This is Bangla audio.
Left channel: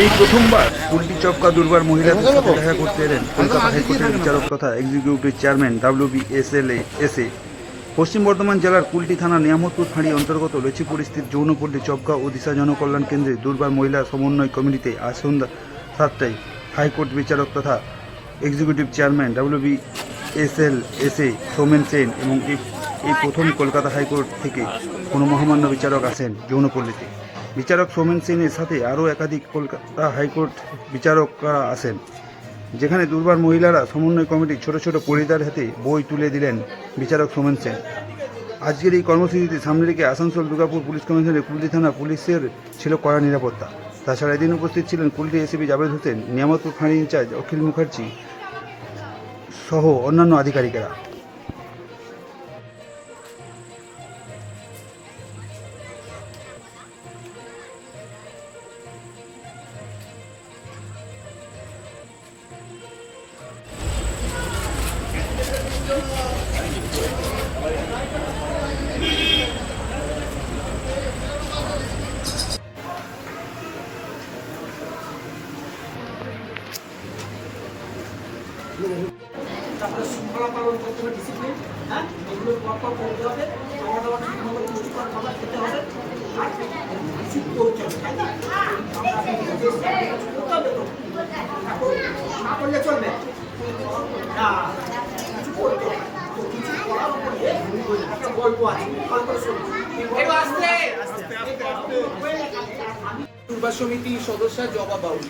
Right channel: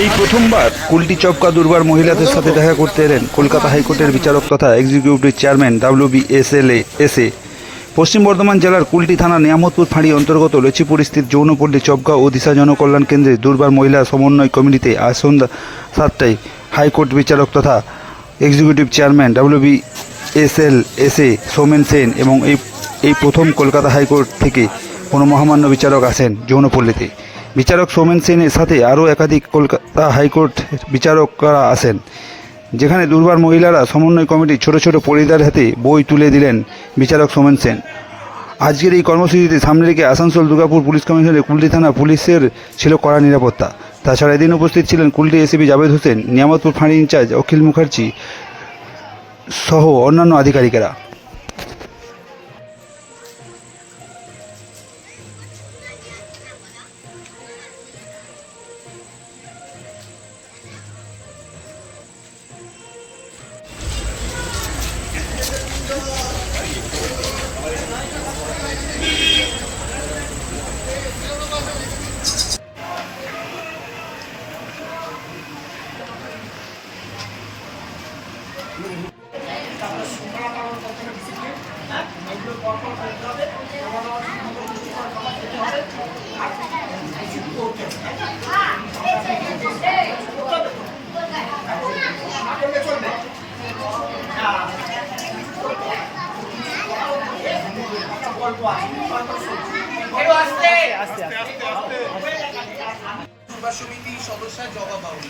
এই প্রথমবার কুলটি চপকা দুর্বার মহিলাদের সাথে দেখা করতে এলেন কলকাতা হাইকোর্টের বিচারক তথা এক্সিকিউটিভ চেয়ারম্যান WBSLA পশ্চিম বর্ধমান জেলার কুলটি থানা নিয়ামতপুর ফাঁড়ি অন্তর্গত লচিপুরস্থিত যৌনপল্লী চপকা ও দিশা জনকল্যাণ কেন্দ্রে দুর্বার মহিলা সমন্বয় কমিটিতে আজ সন্ধ্যা 7টায় হাইকোর্ট বিচারক তথা executive chairman WBSLA Soumen Sen এবং এই প্রথম কলকাতা হাইকোর্ট থেকে কোনো মহামান্য বিচারক আসেন যৌনপল্লীতে। বিচারক সৌমেন সেনের সাথে আরও একাধিক কলকাতা হাইকোর্ট বিচারকরা আসেন, যেখানে দুর্বার মহিলারা সমন্বয় কমিটির ছোট ছোট পরিদার হাতে বই তুলে দিলেন বিচারক সৌমেন সেন। আজকের এই কর্মসূচিতে সামনে রেখে আসানসোল দুর্গাপুর পুলিশ কমিশনের কুলটি থানা পুলিশের ছিল কড়া নিরাপত্তা। তাছাড়া এদিন উপস্থিত ছিলেন কুলটি এসিপি জাভেদ হোসেন, নিয়ামতপুর ফাঁড়ি ইনচার্জ অখিল মুখার্জি সহ অন্যান্য আধিকারিকেরা। তারপরে শৃঙ্খলা পালন করতে হবে, ডিসিপ্লিন, হ্যাঁ, এগুলো পরপর করতে হবে, খাওয়া দাওয়া ঠিকমতো পুষ্টিকর খাবার খেতে হবে, আর কিছু করতে হবে, তাই না? না করলে চলবে না, কিছু করতে হবে। কিছু করার উপরে একটা গল্প আছে, গল্প শুনছি। দুর্বার সমিতির সদস্য জবা বাবু।